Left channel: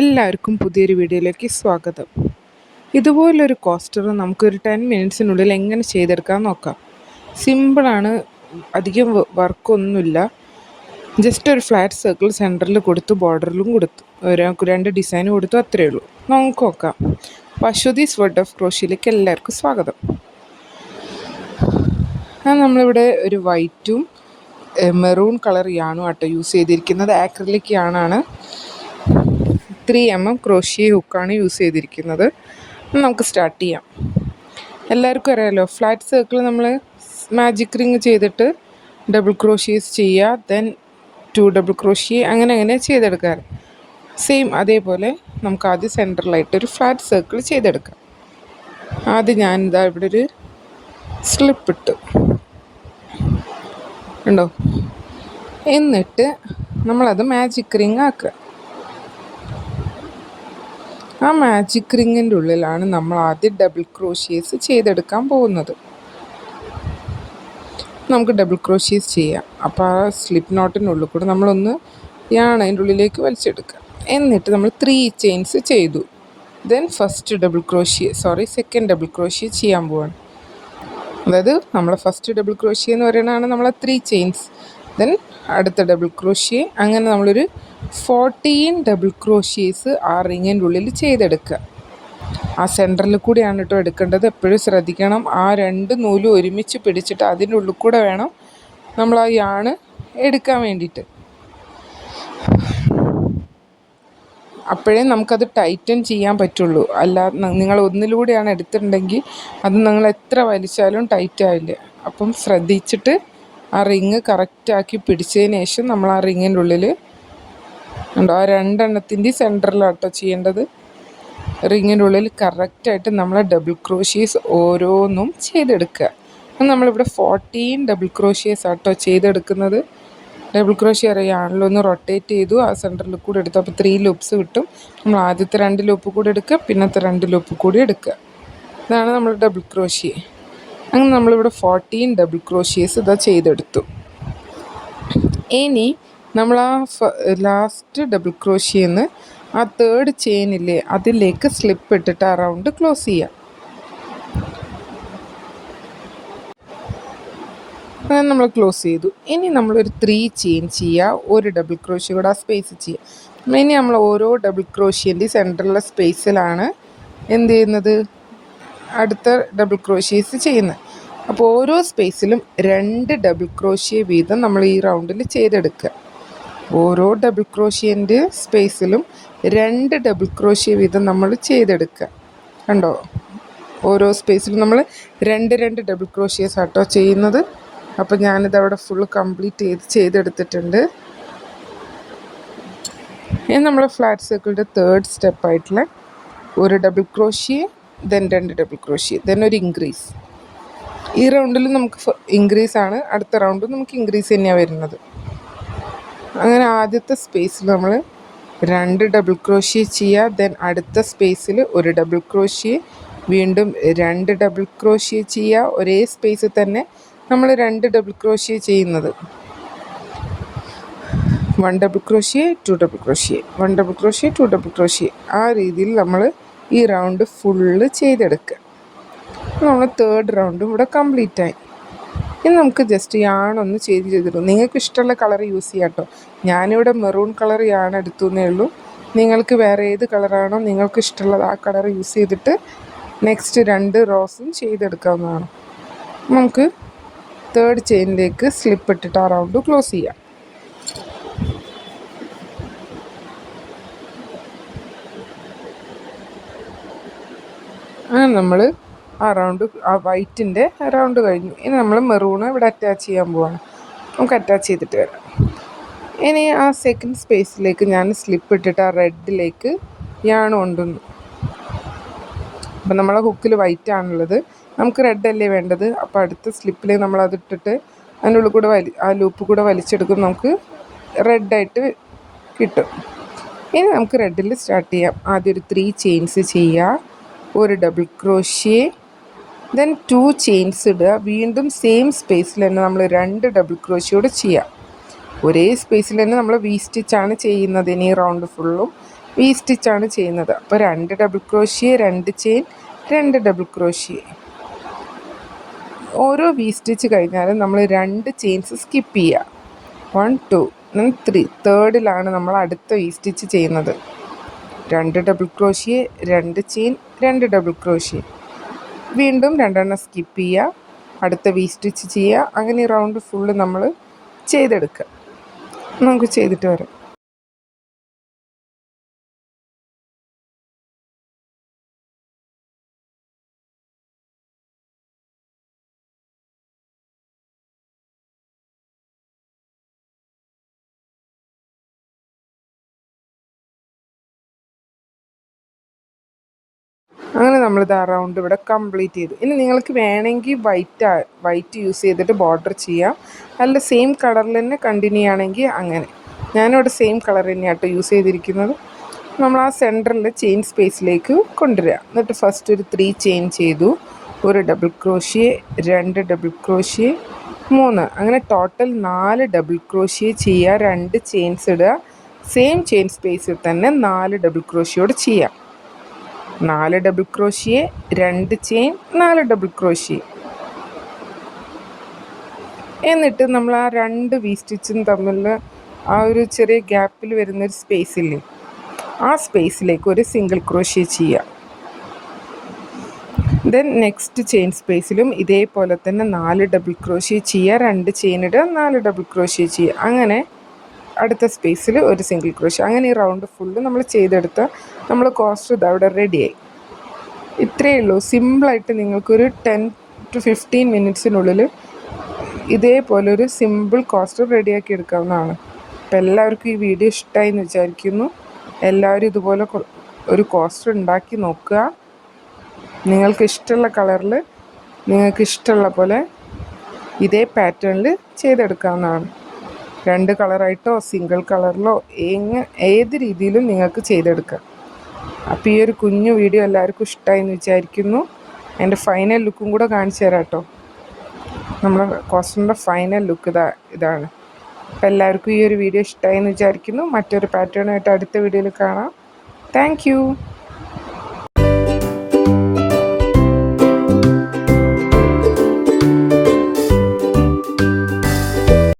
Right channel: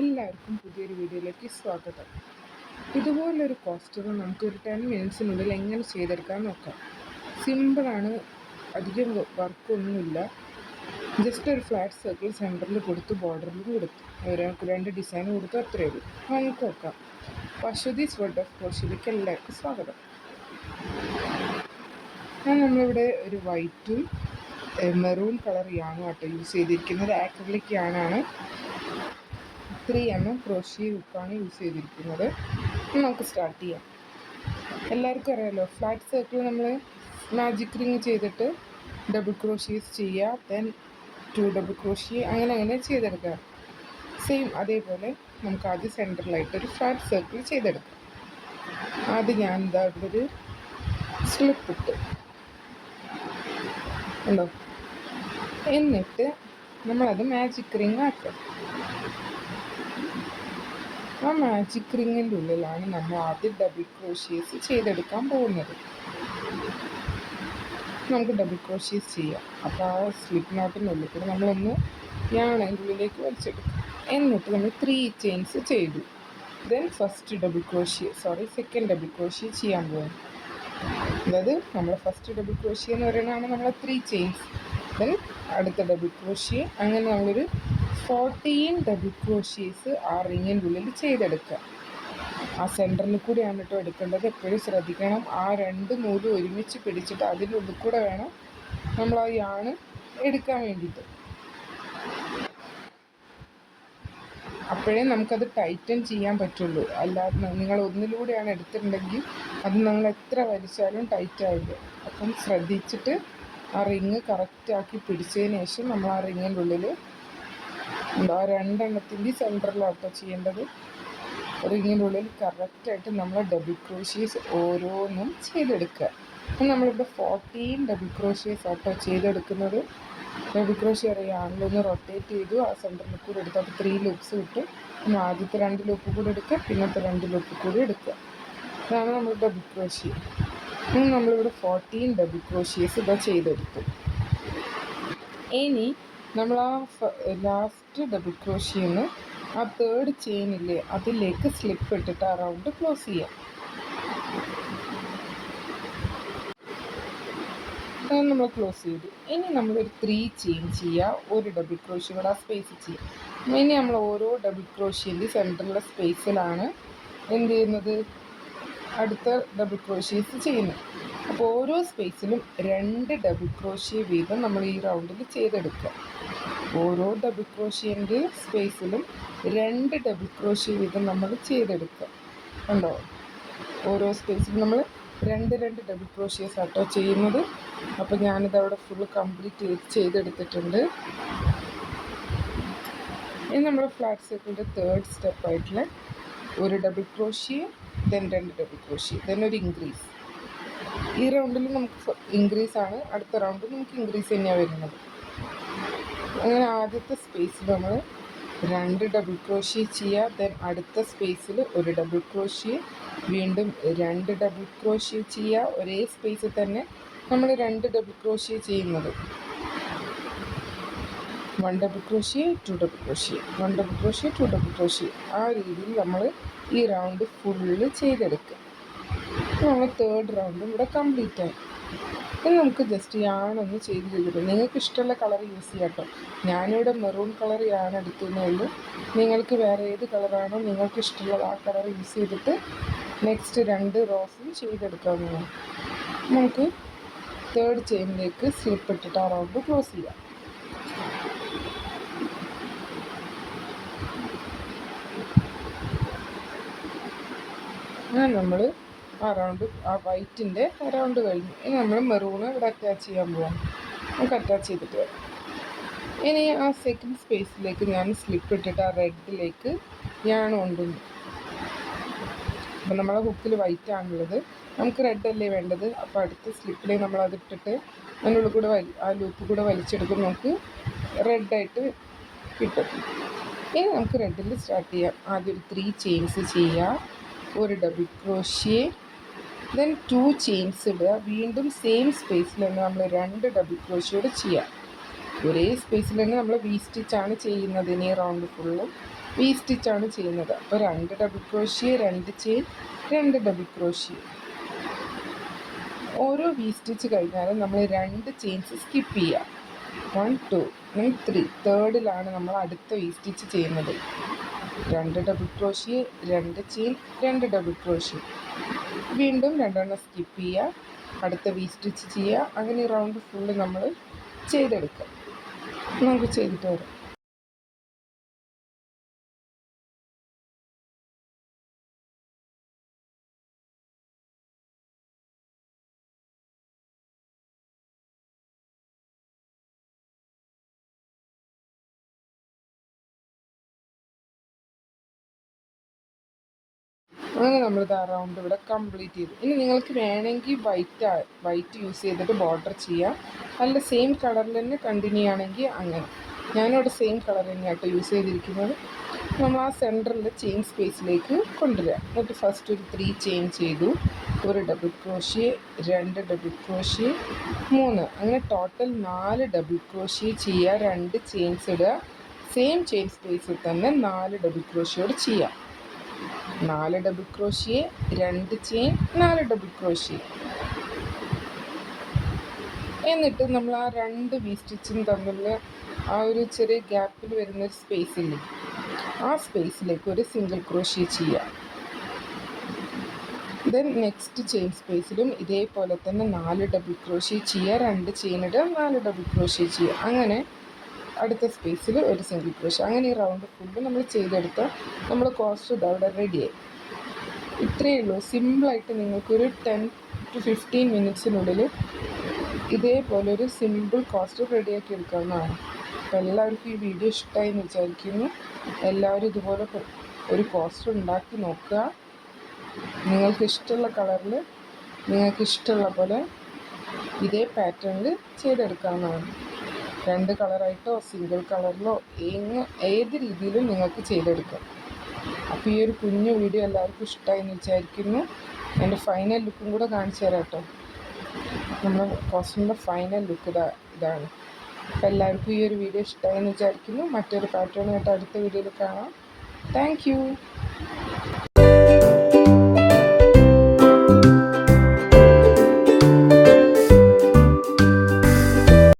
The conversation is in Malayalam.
എല്ലാവർക്കും പുതിയൊരു വീഡിയോയിലേക്ക് സ്വാഗതം. ഇതുപോലൊരു കോസ്റ്റർ നമുക്കൊരു 10 മിനിറ്റ്സിനുള്ളിൽ എങ്ങനെ ചെയ്തെടുക്കാൻ നോക്കാം. സിമ്പിളാണ്, അധികം വർക്കൊന്നുമില്ല. ജസ്റ്റ് ഒരു ഫ്ലാറ്റ് സർക്കിൾ സെൻറ്ററിൽ കൊടുത്തു, ബോർഡറിലും കൊടുത്തു, രണ്ട് ഡിസൈൻ കൊടുത്തു, അത്രയേ ഉള്ളൂ. നമുക്ക് നോക്കാം. അശ്വതീസ് വേർഡ് ഓഫ് ക്രോഷ്യയിലേക്ക് എല്ലാവർക്കും സ്വാഗതം. നമ്മളിവിടെ ഒരു വൈറ്റും മെറൂൺ കളർ യാണും ആട്ടോ യൂസ് ചെയ്തിരിക്കുന്നത്. ആക്രിലിക് യാണാണ്. 3mm ക്രോഷ്യ ഹുക്കാണ് യൂസ് ചെയ്തിരിക്കുന്നത്. നമുക്ക് സ്റ്റാർട്ട് ചെയ്യാം. എല്ലാവർക്കും അറിയാമല്ലോ, ഫ്ലാറ്റ് സർക്കിൾ നമ്മൾ മാജിക് റിങ് ചെയ്തിട്ട് ഡബിൾ ക്രോഷ്യേസ് ചെയ്യുക, ദെൻ 2 ഡബിൾ ക്രോഷ്യ, അങ്ങനെ ചെയ്തെടുക്കാറ്. സെയിം അതേപോലെ നമുക്ക് ആദ്യം സെൻറ്ററിലായിട്ടൊരു ഫ്ലാറ്റ് സർക്കിൾ ചെയ്തെടുക്കാം. ആദ്യം ഞാനിതാ ഇവിടെ ഒരു സ്ലിപ്പ് ഇട്ടു ഉണ്ടോ, എന്നിട്ട് നമ്മളത് മാജിക് റിങ് ആക്കുക. ആ മാജിക് റിങ്ങിൻ്റെ ഉള്ളിലാണ് നമ്മൾ ആദ്യം ഡബിൾ ക്രോഷ്യേസ് ചെയ്തെടുക്കാൻ പോകുന്നത്. നമുക്ക് ഡബിൾ ക്രോഷ്യേസ് ചെയ്യാം. അപ്പോൾ ആ സ്ലിപ്പ് നോട്ടിനുള്ളിൽ കൂടെ നമ്മളൊന്ന് അതിൻ്റെ ഉള്ളിലേക്ക് വലിച്ചെടുക്കുക. എന്നിട്ട് നമ്മൾ 3 ചെയിൻസ് ചെയ്തു. ദെൻ സെക്കൻഡ് ഡബിൾ ക്രോഷ്യ ചെയ്യാൻ പോവാണ്. അതായത് നമ്മൾ ഫസ്റ്റ് ഡബിൾ ക്രോഷ്യ എന്ന് പറയുന്നതാണ് നമ്മളെ 3 ചെയിൻസ്. ദെൻ അടുത്ത ഡബിൾ ക്രോഷ്യ, അങ്ങനെ നമ്മളൊരു 14 ഡബിൾ ക്രോഷ്യേസ് ആ റിങ്ങിൻ്റെ ഉള്ളിൽ ചെയ്തെടുക്കുക. ആ സെൻറ്ററിൽ കൂടിയാണ് കേട്ടോ എടുക്കേണ്ടത്. എപ്പോഴും ശ്രദ്ധിക്കണം, ആ 2 നൂലും ഒരുമിച്ച് പിടിച്ചിട്ട് അതിൻ്റെ ഉള്ളിൽ കൂടെ വേണം നമ്മൾ ആ യാണ് എടുക്കാൻ വേണ്ടിയിട്ട്. അപ്പോഴേ നമുക്കത് ടൈറ്റൻ ചെയ്യാൻ പറ്റുള്ളൂ. അല്ല, നിങ്ങൾ ഒന്നിലൂടെയാണ് എടുത്തിട്ടുണ്ടെങ്കിൽ അത് നിങ്ങൾ എത്ര വലിച്ചാലും ടൈറ്റ് ആവില്ല. അപ്പം ശ്രദ്ധിച്ചിട്ട് ആ റിങ് കറക്റ്റാക്കി പിടിച്ചതിന് ശേഷം നമ്മൾ ആ റിങ്ങിൻ്റെ ഉള്ളിൽ ഉണ്ടോ, ആ 2 എണ്ണത്തിൻ്റെ സെൻറ്ററിലാട്ടോ ചെയ്യേണ്ടത്. റിങ്ങിൻ്റെ ഉള്ളിൽ കറക്റ്റായിട്ട് നമ്മൾ ഡബിൾ ക്രോഷ്യേസ് ഓരോന്നും ചെയ്തെടുക്കുക. നമ്മളിവിടെ 14 ഡബിൾ ക്രോഷ്യേസ് ആട്ടോ ചെയ്തെടുക്കുന്നത്. ഡബിൾ ക്രോഷ്യ അറിയാണല്ലോ, ഒന്ന് റൊട്ടേറ്റ് ചെയ്തു, ആ സെൻറ്ററിൽ കൂടെ എടുത്തു. അപ്പോൾ 3 ലൂപ്സ് കിട്ടും. നമ്മൾ ആദ്യത്തെ 2 ലൂപ്പ് കൂടി എടുക്കുക, പിന്നത്തെ 2 ലൂപ്പ് കൂടി എടുക്കുക. ഇതാണ് നമ്മൾ ഡബിൾ ക്രോഷ്യ. അങ്ങനെ നമ്മളിവിടെ 14 ഡബിൾ ക്രോഷ്യേസ് ഇതാ ചെയ്തെടുത്തു. ഇനി നമ്മൾ ആ ലാസ്റ്റ് ഡബിൾ ക്രോഷ്യേന്ന് ആ 3rd ചെയിനില്ലേ അതിലേക്ക് സ്ലിപ്പ് ഇട്ടിട്ട് ആ റൗണ്ട് ക്ലോസ് ചെയ്യുക. അങ്ങനെ നമ്മൾ ക്ലോസ് ചെയ്തു. ഇനി നമ്മളൊരു 3 ചെയിൻ ചെയ്യുക, ഒരു ഡബിൾ ക്രോഷ്യ കൂടെ ആ സ്പേസ് ചെയ്യുക. ഇനി നമ്മൾ ഓരോ ഡബിൾ ക്രോഷ്യൻ്റെ സെൻറ്ററിലെ സ്പേസിലാണ് എന്ത് ചെയ്യുന്നത്, അടുത്ത ഡബിൾ ക്രോഷ്യേസ് ചെയ്യുന്നത്. അപ്പോൾ ഓരോ സ്പേസിലും 2 ഡബിൾ ക്രോഷ്യ വീതം നമ്മൾ ഈ റൗണ്ടിൽ ചെയ്തെടുക്കുക. ഓരോ ഡബിൾ ക്രോഷ്യൻ്റെ സ്പേസിലും 2 ഡബിൾ ക്രോഷ്യ വീതം നമ്മൾ ചെയ്തെടുക്കുക. കണ്ടോ, ഓരോ സ്പേസിലും നമ്മൾ 2 ഡബിൾ ക്രോഷ്യേസ് ആട്ടോ ചെയ്യുന്നത്. അപ്പോൾ ഞാനിതവിടെ ഫുൾ കംപ്ലീറ്റ് ചെയ്തെടുത്തിട്ടുണ്ട്. ഇനി നമ്മൾ ഫ്ലാറ്റ് സർക്കിളിൻ്റെ 3rd സ്റ്റെപ്പായിട്ടുള്ള ഒരു double crochet, then 2 double crochet, then ഒരു ഇൻക്രീസ്. ഈ റൗണ്ടിൽ നമുക്ക് ഇൻക്രീസ് ആണ്, അടുത്ത റൗണ്ടിൽ നമുക്ക് ഇൻക്രീസ് തന്നെയാണ് വരുന്നത്. അങ്ങനെ ആദ്യത്തെ സ്പേസിൽ നമ്മൾ 2 ഡബിൾ ക്രോഷ്യ ചെയ്യുക, ദെൻ അടുത്ത സ്പേസിൽ ഒരു ഡബിൾ ക്രോഷ്യ, വീണ്ടും 2 ഡബിൾ ക്രോഷ്യ ചെയ്യുക. ഒരേ സ്പേസിൽ തന്നെ നമ്മൾ 2 ഡബിൾ ക്രോഷ്യ ചെയ്യുന്നത്. 1 double crochet, 2 double crochet, 1 double crochet, 2 double crochet, ആ രീതിയിൽ നമ്മൾ ഈ റൗണ്ട് ഫുള്ള് ചെയ്തെടുക്കുക. നമ്മൾ 3rd റൗണ്ടും ഇവിടെ കംപ്ലീറ്റ് ആയി. ഇനി നമുക്ക് ജസ്റ്റ് യാണൊന്ന് ചേഞ്ച് ചെയ്തിടും. നിങ്ങൾക്ക് ഇഷ്ടമുള്ള കളർ യൂസ് ചെയ്യാം കേട്ടോ. ഞാനിവിടെ മെറൂൺ കളർ യാൺ എടുത്തു എന്നേ ഉള്ളൂ. നിങ്ങൾക്ക് വേറെ ഏത് കളറാണോ നിങ്ങൾക്ക് ഇഷ്ടമുള്ളത് ആ കളർ യൂസ് ചെയ്തിട്ട് നെക്സ്റ്റ് 2 റോസും ചെയ്തെടുക്കാവുന്നതാണ്. നമുക്ക് 3rd ചെയിനിലേക്ക് സ്ലിപ്പ് ഇട്ടിട്ട് ആ റൗണ്ട് ക്ലോസ് ചെയ്യാം. അങ്ങനെ നമ്മൾ ആ റൗണ്ട്, ആ വൈറ്റിൻ്റെ റൗണ്ട് കഴിഞ്ഞു. ഇനി നമ്മൾ മെറൂണ് ഇവിടെ അറ്റാച്ച് ചെയ്യാൻ പോവാണ്. നമുക്ക് അറ്റാച്ച് ചെയ്തിട്ട് വരാം. ഇനി ആ സെക്കൻഡ് സ്പേസിലേക്ക് ഞാൻ സ്ലിപ്പ് ഇട്ടിട്ട് ആ റെഡിലേക്ക് യാണ് കൊണ്ടുവന്നു. അപ്പം നമ്മളെ ഹുക്കിൽ വൈറ്റ് ആണുള്ളത്, നമുക്ക് റെഡ് അല്ലേ വേണ്ടത്. അപ്പോൾ അടുത്ത സ്ലിപ്പിൽ നമ്മൾ അതിട്ടിട്ട് അതിനുള്ളിൽ കൂടെ ആ ലൂപ്പ് കൂടെ വലിച്ചെടുക്കും, നമുക്ക് റെഡായിട്ട് കിട്ടും. ഇനി നമുക്ക് റെഡിൽ സ്റ്റാർട്ട് ചെയ്യാം. ആദ്യം ഒരു 3 ചെയിൻസ് ചെയ്യുക, ഒരു ഡബിൾ ക്രോഷ്യ, ദെൻ 2 ചെയിൻസ് ഇടുക. വീണ്ടും സെയിം സ്പേസിൽ തന്നെ നമ്മൾ 2 ഡബിൾ ക്രോഷ്യ കൂടെ ചെയ്യുക. ഒരേ സ്പേസിൽ തന്നെ നമ്മൾ വി സ്റ്റിച്ചാണ് ചെയ്യുന്നത്. ഇനി റൗണ്ട് ഫുള്ളും വി സ്റ്റിച്ചാണ് ചെയ്യുന്നത്. അപ്പോൾ 2 double crochet, 2 chain, 2 double crochet. ഓരോ വി സ്റ്റിച്ച് കഴിഞ്ഞാലും നമ്മൾ 2 ചെയിൻസ് സ്കിപ്പ് ചെയ്യുക. 1 2 3 തേർഡിലാണ് നമ്മൾ അടുത്ത വി സ്റ്റിച്ച് ചെയ്യുന്നത്. 2 double crochet, 2 chain, 2 double crochet. വീണ്ടും 2 സ്കിപ്പ് ചെയ്യുക, അടുത്ത വി സ്റ്റിച്ച് ചെയ്യുക. അങ്ങനെ റൗണ്ട് ഫുള്ള് നമ്മൾ ചെയ്തെടുക്കുക. നമുക്ക് ചെയ്തിട്ട് വരാം. അങ്ങനെ നമ്മളിത് റൗണ്ട് ഇവിടെ കംപ്ലീറ്റ് ചെയ്തു. ഇനി നിങ്ങൾക്ക് വേണമെങ്കിൽ വൈറ്റ് യൂസ് ചെയ്തിട്ട് ബോർഡർ ചെയ്യാം, അല്ല സെയിം കളറിൽ തന്നെ കണ്ടിന്യൂ ആണെങ്കിൽ അങ്ങനെ. ഞാനിവിടെ സെയിം കളർ തന്നെയാട്ടോ യൂസ് ചെയ്തിരിക്കുന്നത്. നമ്മൾ ആ സെൻറ്ററിൽ ചെയിൻ സ്പേസിലേക്ക് കൊണ്ടുവരിക. എന്നിട്ട് ഫസ്റ്റ് ഒരു 3 ചെയിൻ ചെയ്തു, 1 ഡബിൾ ക്രോഷ്യ, 2 ഡബിൾ ക്രോഷ്യ, 3, അങ്ങനെ ടോട്ടൽ 4 ഡബിൾ ക്രോഷ്യ ചെയ്യുക. 2 ചെയിൻസ് ഇടുക, സെയിം ചെയിൻ സ്പേസിൽ തന്നെ 4 ഡബിൾ ക്രോഷ്യോട് ചെയ്യാം. 4 double crochet, 2 chain, 4 double crochet. എന്നിട്ട് നമ്മൾ ആ 2 വി സ്റ്റിച്ചും തമ്മിൽ ആ ഒരു ചെറിയ ഗ്യാപ്പിൽ വരുന്നൊരു സ്പേസ് ഇല്ലേ, ആ സ്പേസിലേക്ക് ഒരു സിംഗിൾ ക്രോഷ്യ ചെയ്യാം. ദെൻ നെക്സ്റ്റ് ചെയിൻ സ്പേസിലും ഇതേപോലെ തന്നെ 4 ഡബിൾ ക്രോഷ്യ ചെയ്യുക, 2 ചെയിൻ ഇടുക, 4 ഡബിൾ ക്രോഷ്യ ചെയ്യുക. അങ്ങനെ അടുത്ത സ്പേസിൽ ഒരു സിംഗിൾ ക്രോഷ്യ. അങ്ങനെ ഈ റൗണ്ട് ഫുള്ള് നമ്മൾ ചെയ്തെടുത്ത നമ്മൾ കോസ്റ്റർ ഇതവിടെ റെഡിയായി. ഇത്രയേ ഉള്ളൂ. സിമ്പിളായിട്ട് നിങ്ങൾക്കൊരു 10 to 15 മിനിറ്റ്സിനുള്ളിൽ ഇതേപോലൊരു സിമ്പിൾ കോസ്റ്റർ റെഡിയാക്കി എടുക്കാവുന്നതാണ്. അപ്പോൾ എല്ലാവർക്കും ഈ വീഡിയോ ഇഷ്ടമായി എന്ന് വിചാരിക്കുന്നു. എല്ലാവരും ഇതുപോലെ ഒരു കോസ്റ്റർ ഉണ്ടാക്കി നോക്കുക. നിങ്ങൾക്ക് ഇഷ്ടമുള്ള കളറിൽ നിങ്ങൾക്ക് ഇഷ്ടമുള്ള പോലെ ഇതേ പാറ്റേണിൽ ചെയ്തെടുക്കാവുന്നതാണ്. 2 കളറായിട്ടോ സിംഗിൾ കളറിലോ ഏത് രീതിയിലും നിങ്ങൾക്ക് ചെയ്തെടുക്കാം. അപ്പോൾ ഈ ഒരു കുഞ്ഞു വീഡിയോ എല്ലാവർക്കും ഇഷ്ടമായി എന്ന് വിചാരിക്കുന്നു. എൻ്റെ ഫൈനൽ ലുക്കും കൂടെ കാണിച്ചു തരാം കേട്ടോ. നമ്മുടെ കോസ്റ്ററിൻ്റെ ഫൈനൽ ലുക്ക് ഇതാണ്. അപ്പോൾ എല്ലാവർക്കും ഈ ഒരു വീഡിയോ ഇഷ്ടമായി എന്ന് വിചാരിക്കുന്നു. മറ്റൊരു പാറ്റേണായിട്ട് അടുത്ത വീഡിയോയിൽ കാണാം. Thank you.